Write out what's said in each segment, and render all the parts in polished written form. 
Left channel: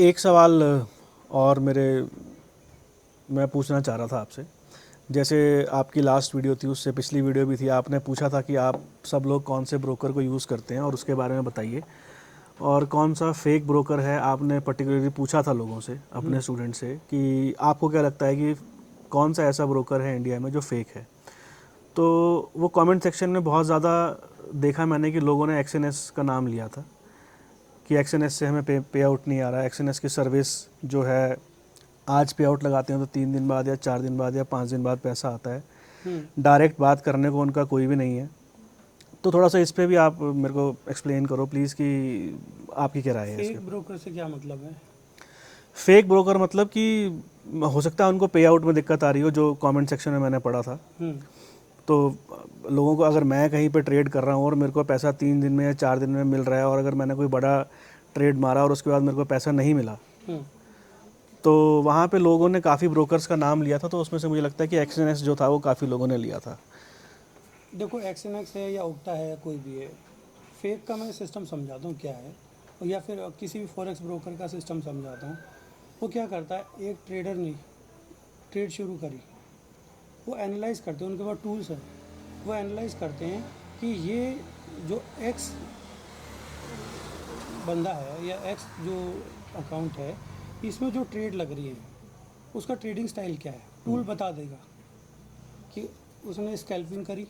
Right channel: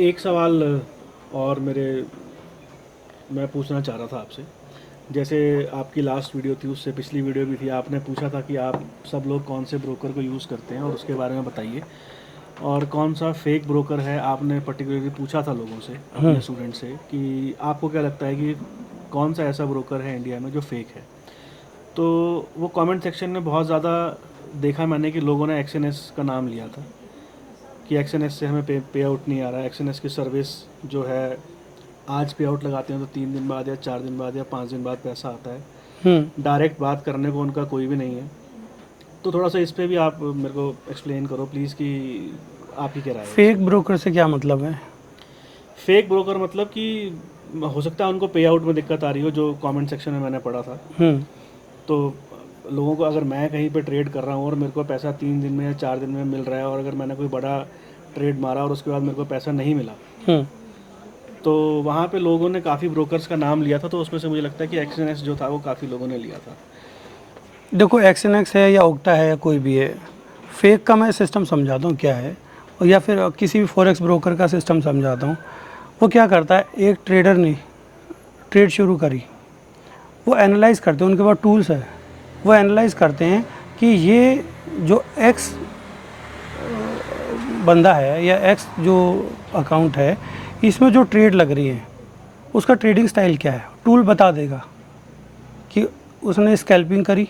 एक सवाल और मैं पूछना चाह रहा था आपसे। जैसे आपकी लास्ट वीडियो थी, उससे पिछली वीडियो भी थी, आपने पूछा था कि आप सब लोग कौन से ब्रोकर को यूज़ करते हैं और उसके बारे में बताइए, और कौन सा फेक ब्रोकर है आपने पर्टिकुलरली पूछा था लोगों से, अपने स्टूडेंट से, कि आपको क्या लगता है कि कौन सा ऐसा ब्रोकर है इंडिया में जो फेक है। तो वो कमेंट सेक्शन में बहुत ज़्यादा देखा मैंने कि लोगों ने एक्सएनएस का नाम लिया था कि एक्सएनएस से हमें पे आउट नहीं आ रहा है, एक्सएनएस की सर्विस जो है आज पे आउट लगाते हैं तो 3 दिन बाद या 4 दिन बाद या 5 दिन बाद पैसा आता है। डायरेक्ट बात करने को उनका कोई भी नहीं है। तो थोड़ा सा इस पे भी आप मेरे को एक्सप्लेन करो प्लीज़ कि आपकी क्या राय है इस पे। फेक ब्रोकर से क्या मतलब है? फेक ब्रोकर मतलब कि हो सकता है उनको पे आउट में दिक्कत आ रही हो, जो कमेंट सेक्शन में मैंने पढ़ा था। तो लोगों को, अगर मैं कहीं पे ट्रेड कर रहा हूँ और मेरे को पैसा 3 दिन में या 4 दिन में मिल रहा है, और अगर मैंने कोई बड़ा ट्रेड मारा और उसके बाद मेरे को पैसा नहीं मिला, तो वहाँ पे लोगों ने काफ़ी ब्रोकर्स का नाम लिया था। तो उसमें से मुझे लगता है कि एक्सएनएस जो था वो काफ़ी लोगों ने लिया था। देखो, एक्सएनएक्स है या ओक्टा है या कोई भी है, फेक का मैं सिस्टम समझाता हूँ क्या है, और या फिर किसी भी फॉरेक्स ब्रोकर का सिस्टम समझाता हूँ। वो क्या करता है, एक ट्रेडर ने ट्रेड शुरू करी, वो एनालाइज करते हैं, उनके पास टूल्स है, वो एनालाइज करते हैं कि ये जो एक्स बंदा है या एक्स जो अकाउंट है, इसमें जो ट्रेड लग रही है उसका ट्रेडिंग स्टाइल क्या है। टूल बता देगा कि उसने स्कैल्पिंग करी।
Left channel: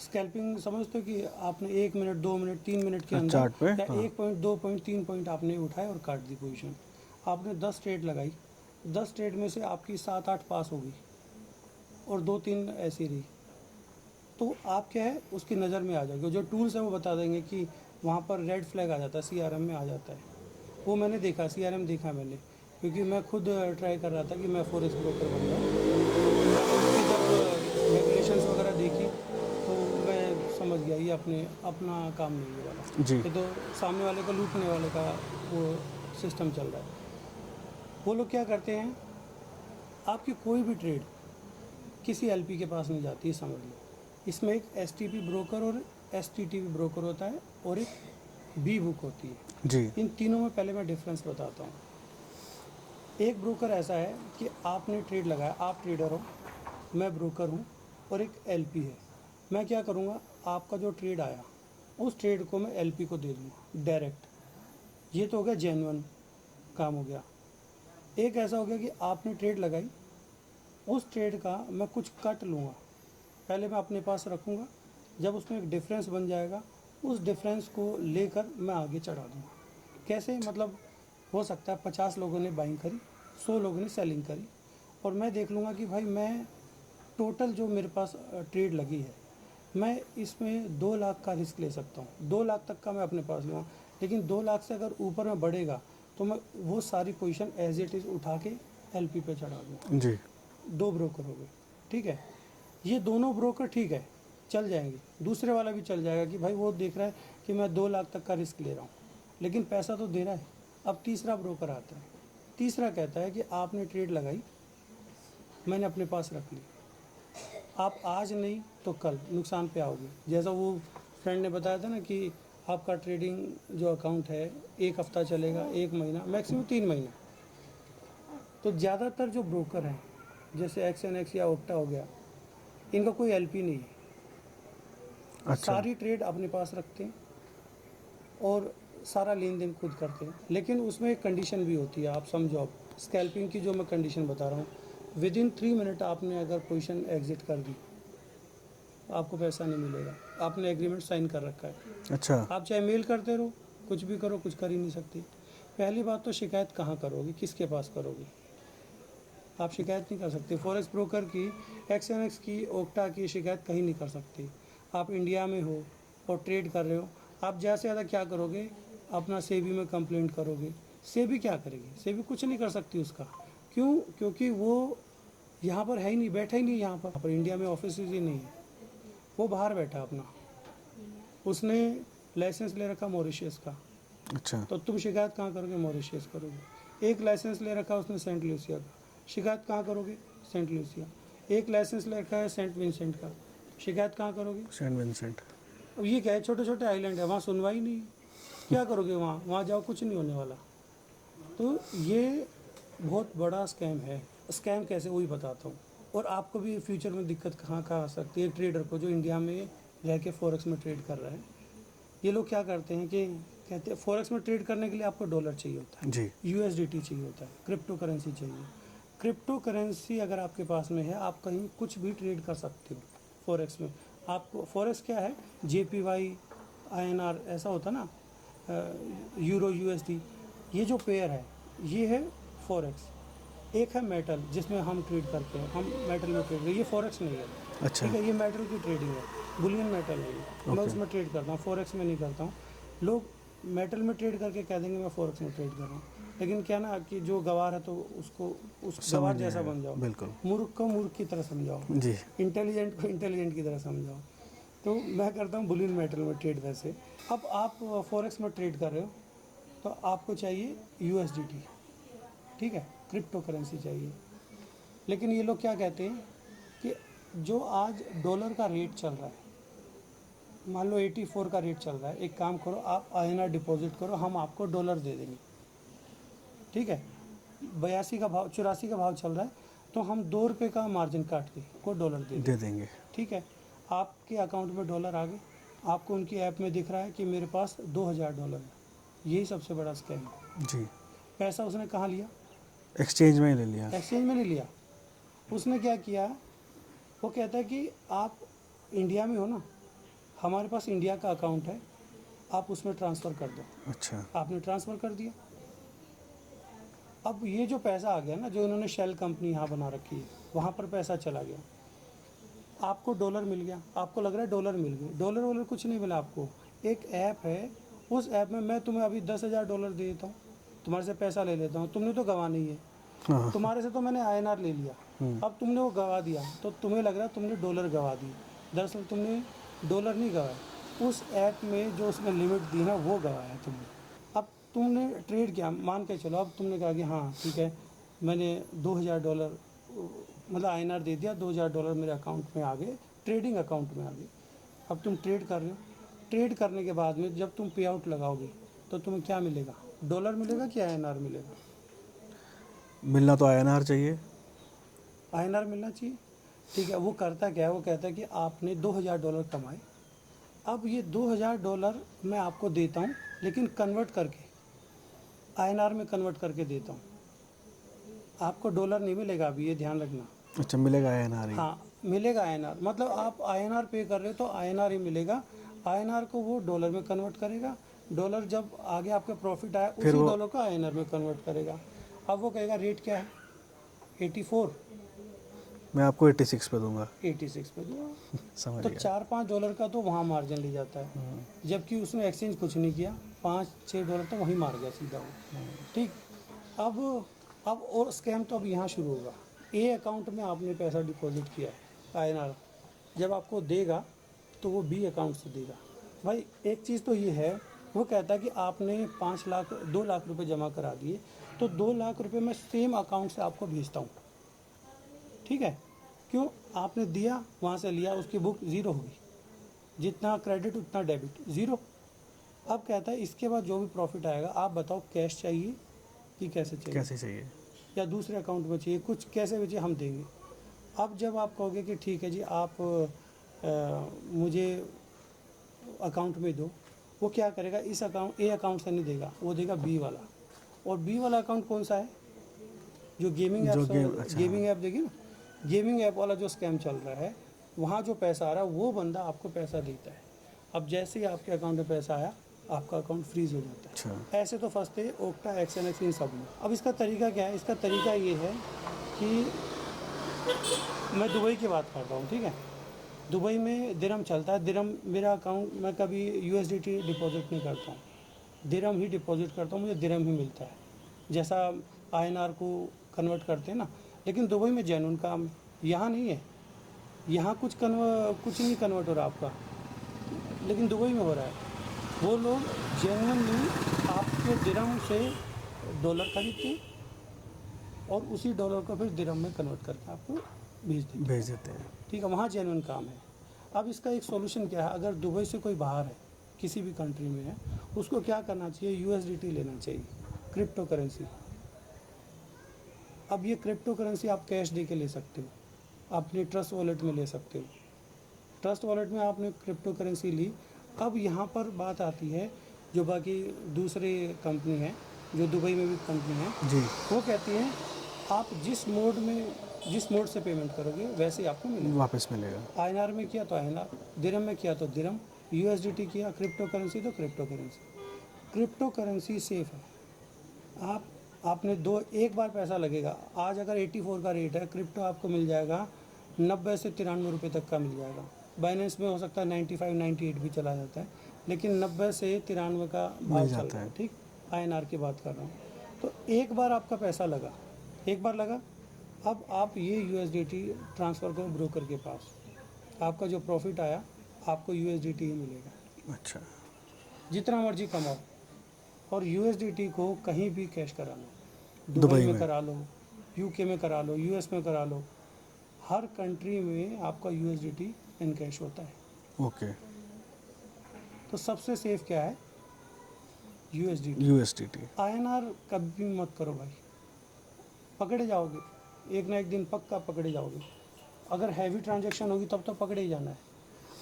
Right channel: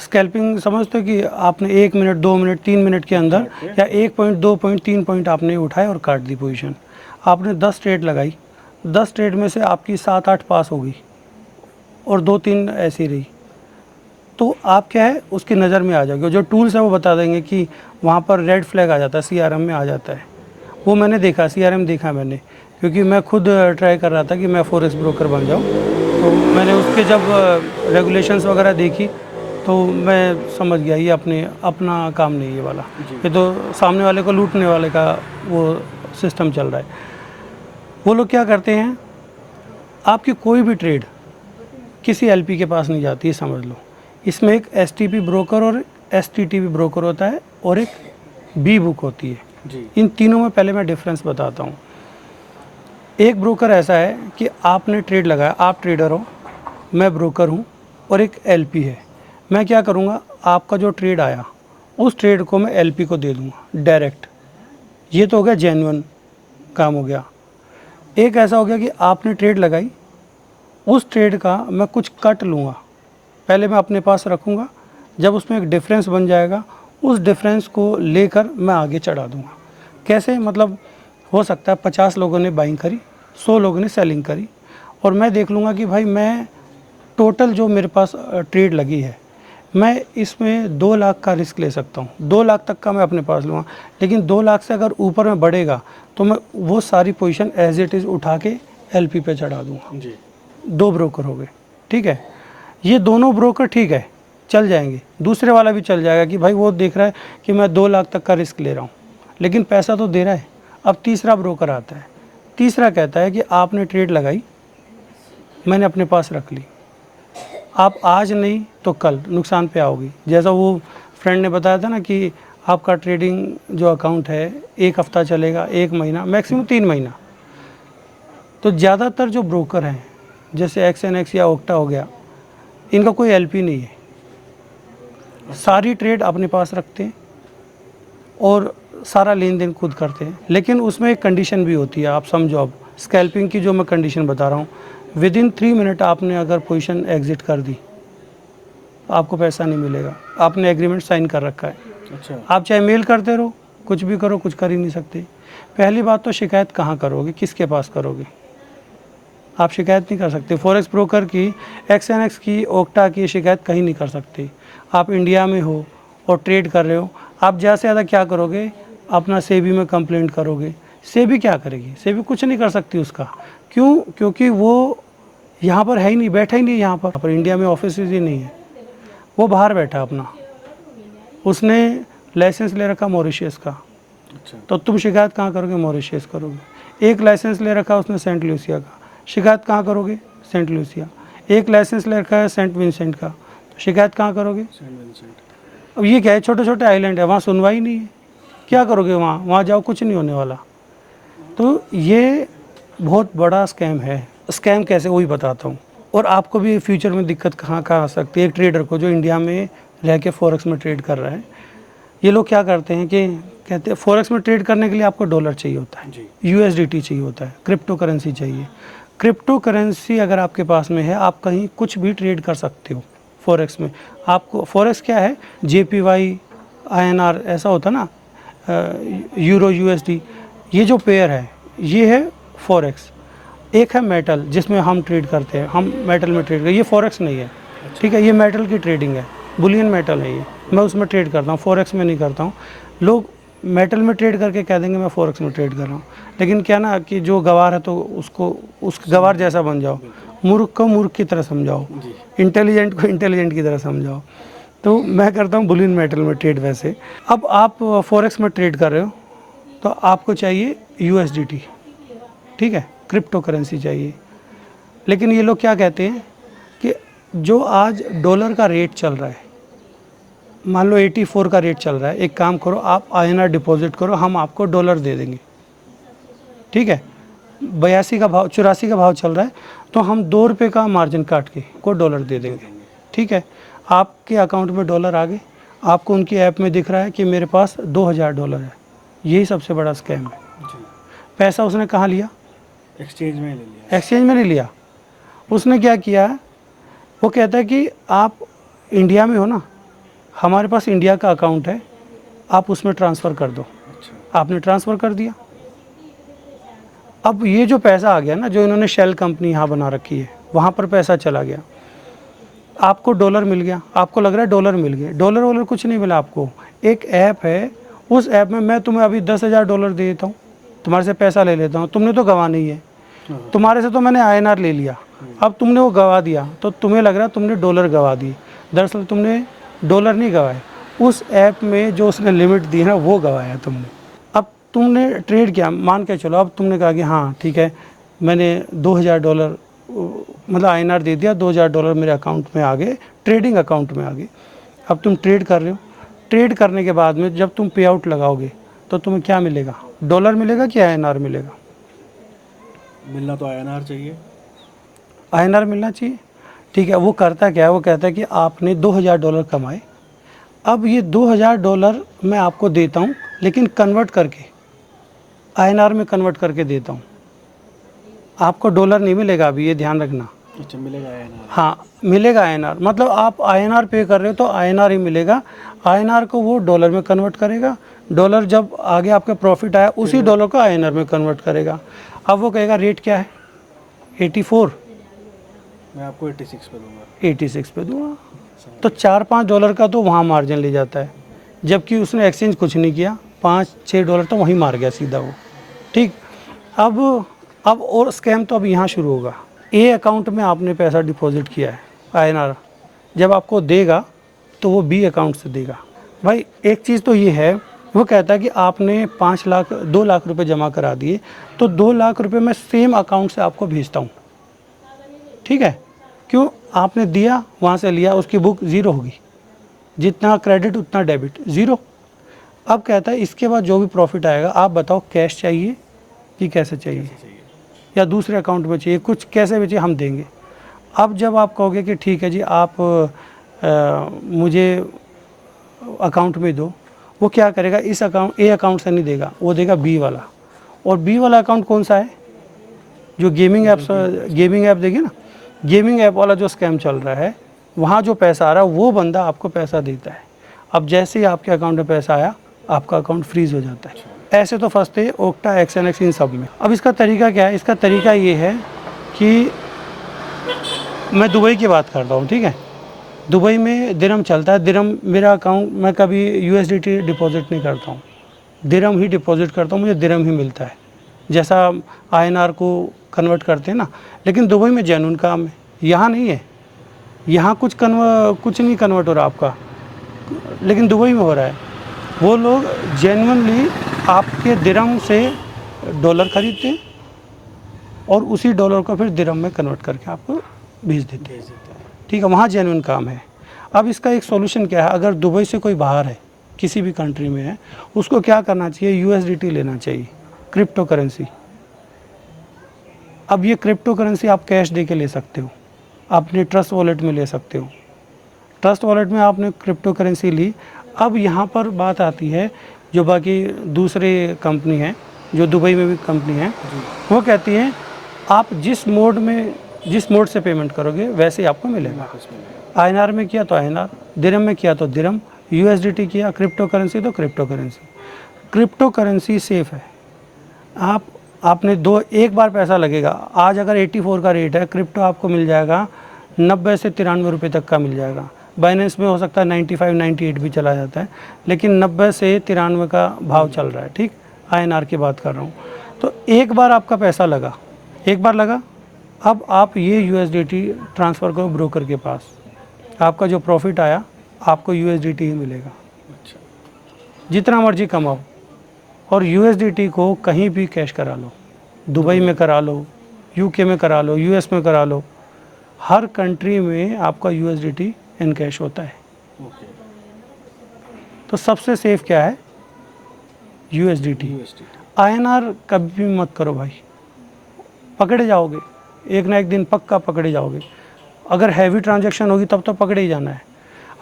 स्कैल्पिंग समझते हो कि आपने 1 मिनट 2 मिनट 3 मिनट के अंदर या 1 पॉइंट 2 पॉइंट 3 पॉइंट आपने उठाए और काट दी पोजीशन। आपने 10 ट्रेड लगाई, 10 ट्रेड में से आपकी 7-8 पास हो गई और 2-3 ऐसी रही, तो आप क्या है उसकी नज़र में आ जाओगे। जो टूल्स है वो बता देंगे कि वहाँ पर रेड फ्लैग आ जाता है, सीआरएम में आ जाता है। वो मैंने देखा, सीआरएम देखा मैंने, क्योंकि मैं खुद ट्राई कर रहा था कि मैं फॉरेक्स ब्रोकर बन जाऊँ। तो मैंने उसके जब रेगुलेशंस वगैरह देखी तो मैं समझ गया ये अपना काम नहीं, ये वाला, ये तो सामने वाले को लूटने वाले का वो सिस्टम चल रहा है। वो लोग क्या करते हैं, आपकी कोई भी ट्रेड किसी एलपी के पास नहीं जाती है, समझ लो। इसमें एक एसटीपी ब्रोकर और एसटीटीपी ब्रोकर होता है और एक बी बुक होती है जी। इन तीनों में पहले मैं डिफरेंस बताता हूँ। एक ब्रोकर ऐसा है कि आपने ट्रेड लगाया, आप ट्रेडर हो, मैं ब्रोकर हूँ, और एक एलपी है। मैं क्या करूँगा, आपका जो ट्रेड आया उस ट्रेड को मैं एलपी को दे दूँगा डायरेक्ट। ये तो हो गया जेन्युइन काम हो गया। एक ऐसा हो गया कि आपने ट्रेड लगाई, उस ट्रेड का मैं कुछ कट लूँगा, पहले मैं अपने पास रखूँगा, जब उसमें एक डिफरेंस बन जाएगा उस डिफरेंस को लेकर मैं आगे चढ़ा दूँगा। कैसे, मतलब हो सकता है 50 लोगों ने बाइंग करी, 100 लोगों ने सेलिंग करी, और मैं देख लूँगा कि भाई मैं टोटल जो मेरे पास ट्रेड लगी है, मैं इसमें 2 लाख का रिस्क ले सकता हूँ, 2 लाख तक का मैं अपने पास लूँगा। लेकिन 2 लाख से अगर ऊपर में बढ़ेगा तो मैं वो सारी पोजीशन एज इट इज़ उठा के एलपी पे चढ़ा दूँगा। जी। 2 ब्रोकर हो गए, ठीक है। ये दोनों ब्रोकर ठीक है, चल जाएंगे। दूसरे वाला भी चल जाएगा कि भाई वो देख रहा है कि मैं 2 लाख तक का रिस्क ले रहा हूँ, लेकिन पैसा तो दे रहा है। अब तीसरा ब्रोकर आता है, तीसरा कहता है कि आपने ट्रेड लगाई, मैंने अपने पास रख ली, आप आज नहीं तो कल नुकसान पे आओगी। जैसा वो फ्रेंड ने बताया था ना कि आपका ट्रेडिंग जो अकाउंट है 1 हफ्ता चलेगा, 1 महीना, मैक्सिमम 3 महीना। तो ज़्यादातर जो ब्रोकर हैं जैसे एक्सएनएक्स या ओक्टा हो गया, इनका कोई एलपी नहीं है। सारी ट्रेड अपने पास रखते हैं और सारा लेन देन खुद करते हैं। लेकिन उसमें एक कंडीशन भी होती है, आप समझो। अब स्कैल्पिंग की जो मैं कंडीशन बता रहा हूँ, विदिन 3 मिनट आपने अगर पोजीशन एग्जिट कर दी, आपको पैसा नहीं मिलेगा। आपने एग्रीमेंट साइन कर रखा है। अच्छा। आप चाहे मेल करते रहो, कुछ भी करो, कुछ कर ही नहीं सकते। पहली बात तो शिकायत कहाँ करोगे, किसके पास करोगे? आप शिकायत नहीं कर सकते फॉरेक्स ब्रोकर की, एक्सएनएक्स की, ओक्टा की शिकायत कहीं नहीं कर सकते। आप इंडिया में हो और ट्रेड कर रहे हो, आप ज़्यादा से ज़्यादा क्या करोगे, अपना सेबी में कंप्लेंट करोगे। सेबी क्या करेगी? सेबी कुछ नहीं कर सकती उसका। क्यों? क्योंकि वो यहाँ पर है ही नहीं, बैठा ही नहीं यहाँ पर इंडिया में ऑफिस ही नहीं है, वो बाहर बैठा अपना। उसने लाइसेंस ले रखा मॉरिशस का, अच्छा। तो तुम शिकायत कहाँ करोगे? मॉरिशस करोगे। एक लाइसेंस ले रखा उसने सेंट लूसिया का, शिकायत कहाँ करोगे? Saint Lucia. एक लाइसेंस ले रखा है सेंट विंसेंट का, तो शिकायत कहाँ करोगे? Saint Vincent. अब ये क्या है, छोटे छोटे आइलैंड है, वहाँ सुनवाई नहीं है, क्या करोगे? वहाँ जाओ, कुछ नहीं होने वाला। तो ये बहुत बड़ा स्कैम है। स्कैम कैसे, वही बताता हूँ। और आपको भी फ्यूचर में दिक्कत कहाँ कहाँ आ सकती है। एक ट्रेडर को जो इंडिया में रह के फॉरेक्स में ट्रेड कर रहा है, ये लोग क्या करते हैं कि कहते हैं फॉरेक्स में ट्रेड करने के लिए आपको डॉलर चाहिए होता है, यूएसडीटी चाहिए होता है, क्रिप्टो करेंसी चाहिए। क्रिप्टो करेंसी अगर आपके पास में है, आप कहीं कुछ भी ट्रेड कर सकते हो फॉरेक्स में। आपको फॉरेक्स क्या है, जेपीवाई, आईएनआर ऐसा होता है ना, यूरो यूएसडी, ये जो पेयर है ये है फॉरेक्स। एक है मेटल जिसमें हम ट्रेड करते हैं, हम मेटल में ट्रेड करते, ये फॉरेक्स नहीं है। ठीक है, ये मेटल की ट्रेडिंग है, बुलियन मेटल है ये, मैं उसमें ट्रेड करता हूँ, फॉरेक्स में नहीं करता हूँ। लोग मेटल में ट्रेड करके कह देंगे मैं फॉरेक्स में ट्रेड कर रहा हूँ, लेकिन क्या ना कि जो गवार है तो उसको उस गवार जैसा बन जाओ, मूर्ख को मूर्ख की तरह समझाओ, इंटेलिजेंट को इंटेलिजेंट की तरह समझाओ। तो मैं करता हूँ बुलियन मेटल में ट्रेड। वैसे अब आप फॉरेक्स में ट्रेड कर रहे हो तो आपको चाहिए यूएसडीटी, ठीक है, क्रिप्टो करेंसी चाहिए। लेकिन ये लोग क्या कहते हैं कि जो आज डॉलर का रेट चल रहा है, मान लो 84 का रेट चल रहा है, एक काम करो आप आईएनआर डिपॉजिट करो, हम आपको डॉलर दे देंगे। ठीक है, 82 का भाव, 84 का भाव चल रहा है, तो हम 2 रुपये का मार्जिन काट के को डॉलर दे देंगे। ठीक है, आपके अकाउंट में डॉलर आ गए, आपको उनकी ऐप में दिख रहा है कि मेरे पास $2000 है। यही सबसे बड़ा स्कैम है जी। पैसा उसने कहाँ लिया, एक्सचेंज में ले लिया। एक्सचेंज में नहीं लिया, उसने क्या किया, वो कहता है कि आप इंडिया में हो ना, हमारे पास इंडिया का अकाउंट है, आप उसमें ट्रांसफ़र कर दो। अच्छा, आपने ट्रांसफ़र कर दिया। अब ये जो पैसा आ गया ना, जो इन्होंने शेल कंपनी यहाँ बना रखी है, वहाँ पर पैसा चला गया, आपको डॉलर मिल गया, आपको लग रहा है डॉलर मिल गए, डॉलर वॉलर कुछ नहीं मिला आपको। एक ऐप है, उस ऐप में मैं तुम्हें अभी $10,000 दे देता हूँ, तुम्हारे से पैसा ले लेता हूँ, तुमने तो गवा नहीं है, तुम्हारे से तो मैंने आईएनआर ले लिया, अब तुमने वो गवा दिया, तो तुम्हें लग रहा है तुमने डॉलर गवा दी। दरअसल तुमने डॉलर नहीं गवाए, उस ऐप में जो उसने लिमिट दी है ना वो गवाया तुमने। अब तुमने ट्रेड किया, मान के चलो, अब तुमने कहा कि हाँ ठीक है, मैंने $2000 मतलब आईएनआर दे दिया, $2000 मेरे अकाउंट में आ गए, ट्रेडिंग अकाउंट में आ गए। अब तुम ट्रेड कर रहे हो, ट्रेड करने के बाद में जब तुम पे आउट लगाओगे तो तुम्हें क्या मिलेगा, डॉलर मिलेगा कि आईएनआर मिलेगा? मिलना तो आईएनआर चाहिए, आईएनआर मिलना चाहिए। ठीक है, वो करता क्या है, वो कहता है कि आपने $2000 कमाए, अब ये $2000 मैं आपको देता हूँ, लेकिन कन्वर्ट करके आईएनआर में कन्वर्ट करके देता हूँ, आपको डॉलर नहीं मिलेगा अभी, ये ध्यान रखना। अच्छा, मिलेगा आईएनआर? हाँ मिलेगा आईएनआर, मतलब आप आईएनआर पे कर रहे हो तो आईएनआर ही मिलेगा। आईएनआर को वो डॉलर में कन्वर्ट करेगा, डॉलर जब आगे आपका प्रॉफिट आया उसी डॉलर को आईएनआर में कन्वर्ट करेगा। अब वो कहेगा रेट क्या है, 84, मैं आपको 86 पे दूंगा, 86 पे दूंगा, तो $4-5 का तो वहाँ मार्जिन ले जाता है, जबकि उसने एक्सचेंज कुछ नहीं किया, $5-6 तो वहीं मार गया सीधा वो। ठीक, अब और स्कैम तो अब यहाँ शुरू होगा। ए अकाउंट में आपने पैसा डिपॉजिट किया है आईएनआर, जब आपको देगा तो वो बी अकाउंट से देगा। भाई एक चीज़ तो ये है, वो कहता है कि आपने 2 लाख रुपए जमा करा दिए, तो 2 लाख रुपए मैं सेम अकाउंट से आपको भेजता हूँ। ठीक है, क्यों, आपने दिया, वहाँ से लिया, उसकी बुक ज़ीरो होगी, जितना क्रेडिट उतना डेबिट, ज़ीरो। अब कहता है इसके बाद जो भी प्रॉफिट आएगा, आप बताओ कैश चाहिए कि कैसे चाहिए, या दूसरे अकाउंट में चाहिए, कुछ कैसे भी चाहिए हम देंगे। अब जब आप कहोगे कि ठीक है जी आप मुझे अकाउंट में दो, वो क्या करेगा, इस अकाउंट ए अकाउंट से नहीं देगा, वो देगा बी वाला। और बी वाला अकाउंट कौन सा है, जो गेमिंग ऐप देखिए ना, गेमिंग ऐप वाला जो स्कैम चल रहा है, वहाँ जो पैसा आ रहा है वो बंदा आपको पैसा देता है। अब जैसे ही आपके अकाउंट में पैसा आया, आपका अकाउंट फ्रीज हो जाता है। ऐसे तो फंसते हैं ओक्टा, एक्सएनएक्स, इन सब में। अब इसका तरीका क्या है, इसका तरीका ये है कि मैं दुबई की बात करता हूँ, ठीक है, दुबई में दिरहम चलता है, दिरहम मेरा अकाउंट, मैं कभी यूएसडीटी डिपॉजिट नहीं करता हूँ, दिरहम ही डिपॉजिट करता हूँ, मुझे दिरहम ही मिलता है, जैसा आईएनआर को कन्वर्ट करते हैं ना। लेकिन दुबई में जेन्युइन काम है, यहाँ नहीं है, यहाँ कुछ नहीं कन्वर्ट हो रहा आपका, लेकिन दुबई में हो रहा है। वो लोग जेन्युइनली आपके दिरहम से डॉलर खरीदते हैं और उसी डॉलर को फिर दिरहम में कन्वर्ट करके आपको भेज देते हैं। ठीक है, वहाँ जेन्युइन काम है। अब इसका एक सॉल्यूशन क्या है, अगर दुबई से कोई बाहर है, किसी भी कंट्री में है, उसको क्या करना चाहिए, यूएसडीटी लेना चाहिए, क्रिप्टो करेंसी, अब ये क्रिप्टो करेंसी आप कैश दे के ले सकते हो, अपने ट्रस्ट वॉलेट में ले सकते हो। ट्रस्ट वॉलेट में आपने क्रिप्टो करेंसी ली। अब यहाँ पर बात आती है, जो बाकी दूसरे कंपनी हैं, जो दुबई में भी कंपनी है, वो कहती हैं आप जिस मोड से पेमेंट करोगे वैसे ही आपको मिलेगा। वापस मिलेगा। INR में किया तो INR, दिरहम में किया तो दिरहम, USDT किया, क्रिप्टो करेंसी तो crypto currency. Crypto currency safe है। आपने एक बार पैसा लगेगा। आज अगर 84 का रेट है, क्रिप्टो आपको मिल जाएगा 90 से 93 रुपये तक का मिल जाएगा। बाइनेंस में हो सकता है 95 98 भी चला जाता है, लेकिन 90 से 93 का भाव चल रहा है। ठीक, INR की बात कर रहा हूँ। तो एक बार आपका पैसा लगा, एक बार लगा, अब आप ये USDT ट्रांसफ़र करो ब्रोकर के पास। आपका जो प्रॉफिट आया आपको USDT ही मिलेगा। अच्छा, जितना मर्जी कमाओ। और USDT को कहीं भी कैश करा लो, दुबई में करा लो, UK में करा लो, US में करा लो, हर कंट्री में आपका USDT इन कैश होता है। ओके। तो सबसे सेफ क्या है? USDT। INR कभी भी मत करो भाई, पकड़े जाओगे, एक ना एक दिन पक्का पकड़े जाओगे। अगर हैवी ट्रांजैक्शन होगी तब तो पकड़े ही जाना है।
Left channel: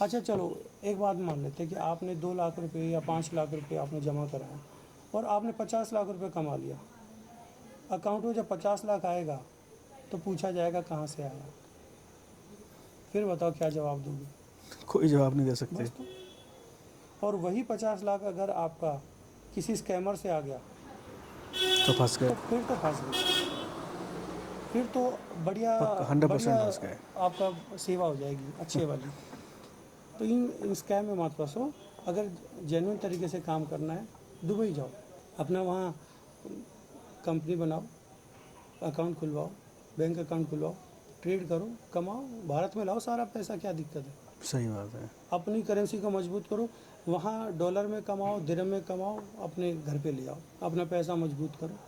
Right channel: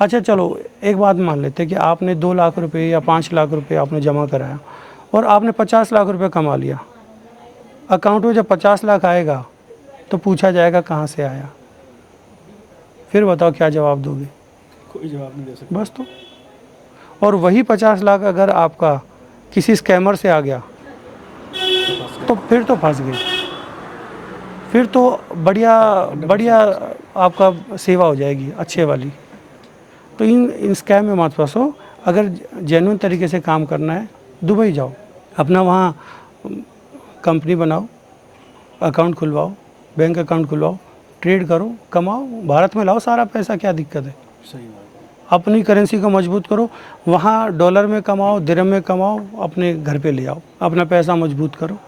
अच्छा चलो, एक बात मान लेते हैं कि आपने 2 लाख रुपए या 5 लाख रुपए आपने जमा कराया और आपने 50 लाख रुपए कमा लिया। अकाउंट में जब 50 लाख आएगा तो पूछा जाएगा कहाँ से आया। फिर बताओ क्या जवाब दोगे? कोई जवाब नहीं दे सकता। बस तो। और वही 50 लाख अगर आपका किसी स्कैमर से आ गया तो फंस गए। तो फिर तो फंस गए। फिर तो बढ़िया 100% आपका सेवा हो जाएगी अच्छे वाली। तो इन स्कैम में मत फंसो। अगर जेन्युइन तरीके से काम करना है, दुबई जाओ, अपना वहाँ कंपनी बनाओ, अकाउंट खुलवाओ, बैंक अकाउंट खुलवाओ, ट्रेड करो, कमाओ, भारत में लाओ सारा पैसा, क्या दिक्कत है? सही बात है। अपनी करेंसी को मजबूत करो, वहाँ डॉलर में कमाओ, दिरहम में कमाओ, अपने घर पे ले आओ, अपना पैसा मजबूत करो।